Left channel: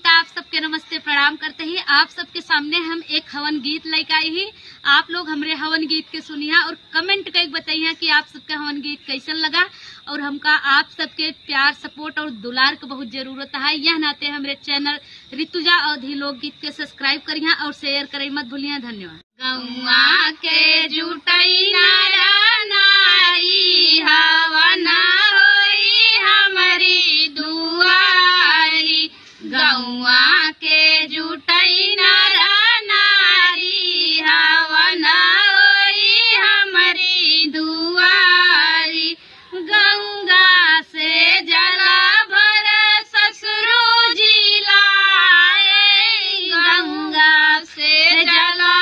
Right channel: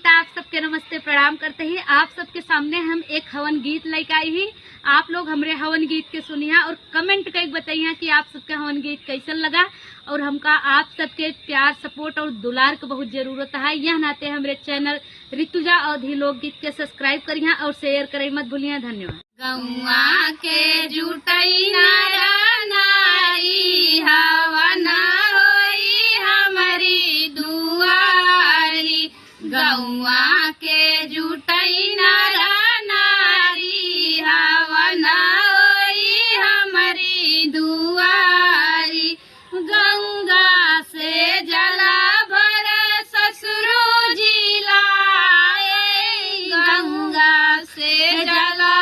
त आप सबके नमस्ते प्रणाम करते ही आप सबके सामने हम एक हवन गीत लेकर आई ही। आप लोग हमरे हवन गीत के सुनिया और कमेंट करके बताइए कि आप सबके हवन गीत कैसन लगा। और हमका आप सबके प्यार सपोर्ट और दुलार के बहुत जरूरत है। यह नाते हमरे चैनल ऋतुजा अवधी लोकगीत के सब्सक्राइब करिए और शेयर करे मत भूलिए। धन्यवाद। गौआ के जुटई नारी हवना होई हमारी दुआरी। गौआ के जुटई नारी हवना होई हमारी दुआरी। गंगा से जला भर ससुरो जी लाए। गंगा से जला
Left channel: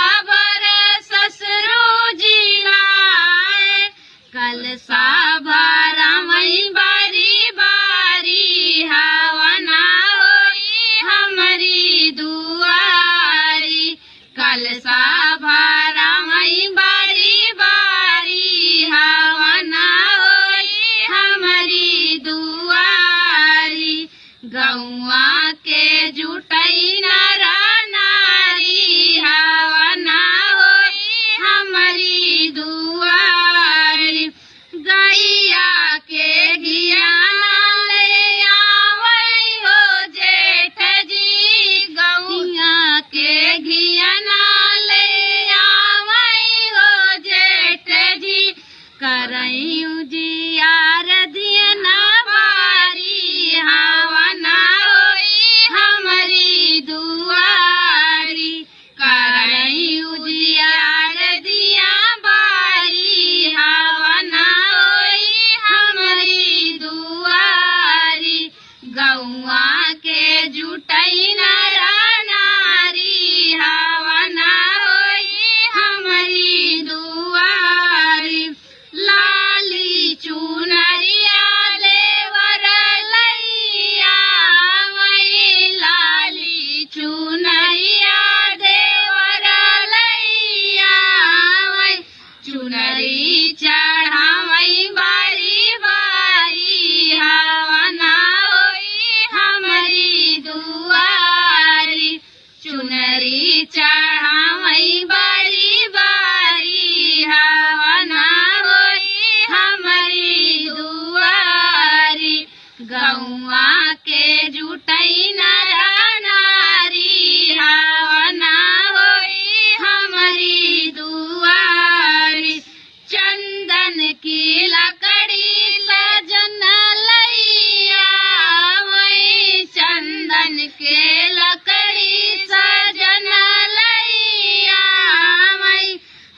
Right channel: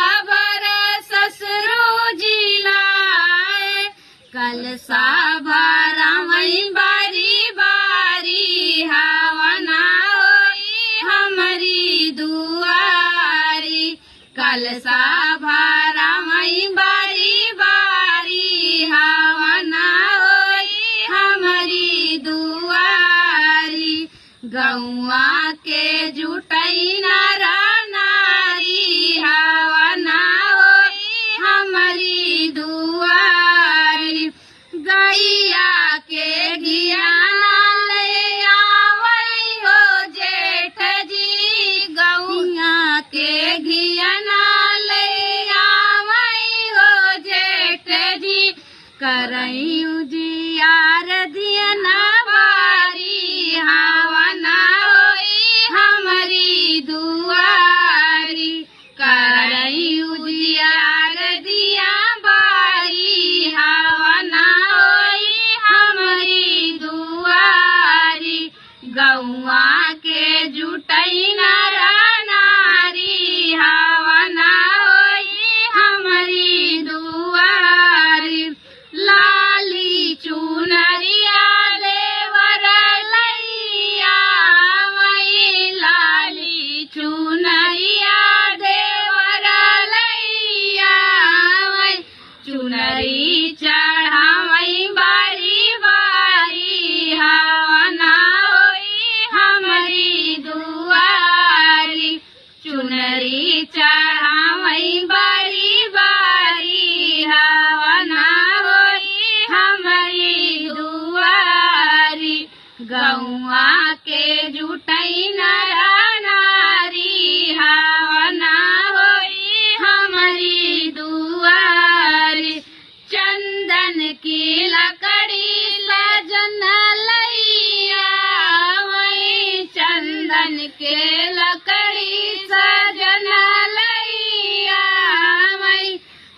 कलसा भरावई बारी बारी हवना होई हमारी दुआरी। कलसा भरावई बारी बारी हवना होई हमारी दुआरी। गौआ के जुटई नारी हवना होई हमारी दुआरी। गैया के घिया ले आवई हो जेठ जी। गौया के घिया ले आवई हो जेठ जी। करई उजियार दियना बारी हवना होई हमारी दुआरी। करई उजियार दिया बारी हवना होई हमारी दुआरी। गौआ के जुटई नारी हवना होई हमारी दुआरी। लाली चुनरिया देवर लैया वही। लाली चुनरिया देवर लैया वही। चुनरी चढ़ावई बारी बारी हवना होई हमारी दुआरी। चुनरी चढ़ावई बारी बारी हवना होई हमारी दुआरी। गौआ के जुटई नारी हवना होई हमारी दुआरी। चंदन की लकड़ी सजन लैया वही। चंदन के लकड़ी सजन लैया वही।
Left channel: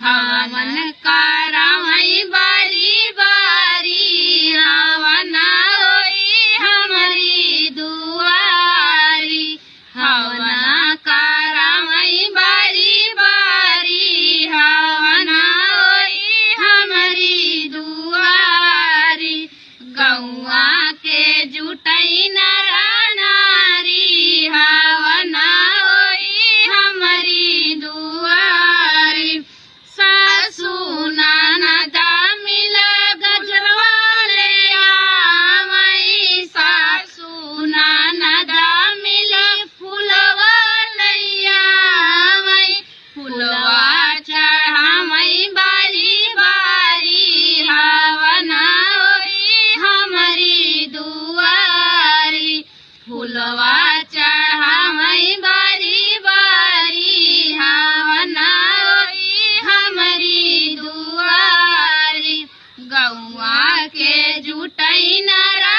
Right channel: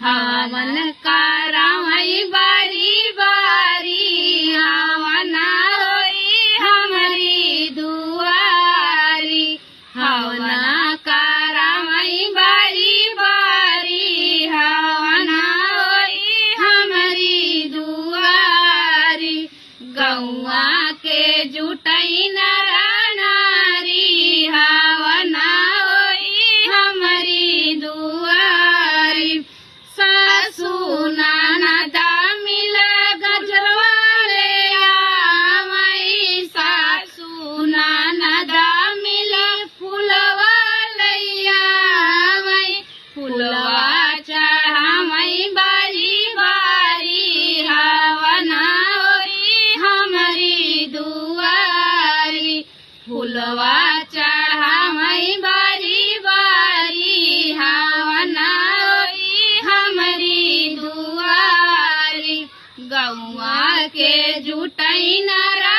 हवन करावई बारी बारी हवना होई हमारी दुआरी। हवना करावई बारी बारी हवना होई हमारी दुआरी। गौआ के जुटई नारी हवना होई हमारी दुआरी। सासू ननदा मिल गजरवा ले आवई। सासू ननदा मिल फुलवा ले आवई। फुलवा चढ़ावई बारी बारी हवना होई हमारी दुआरी। फुलवा चढ़ावई बारी बारी हवना होई हमारी दुआरी। गौआ के जुटई नारा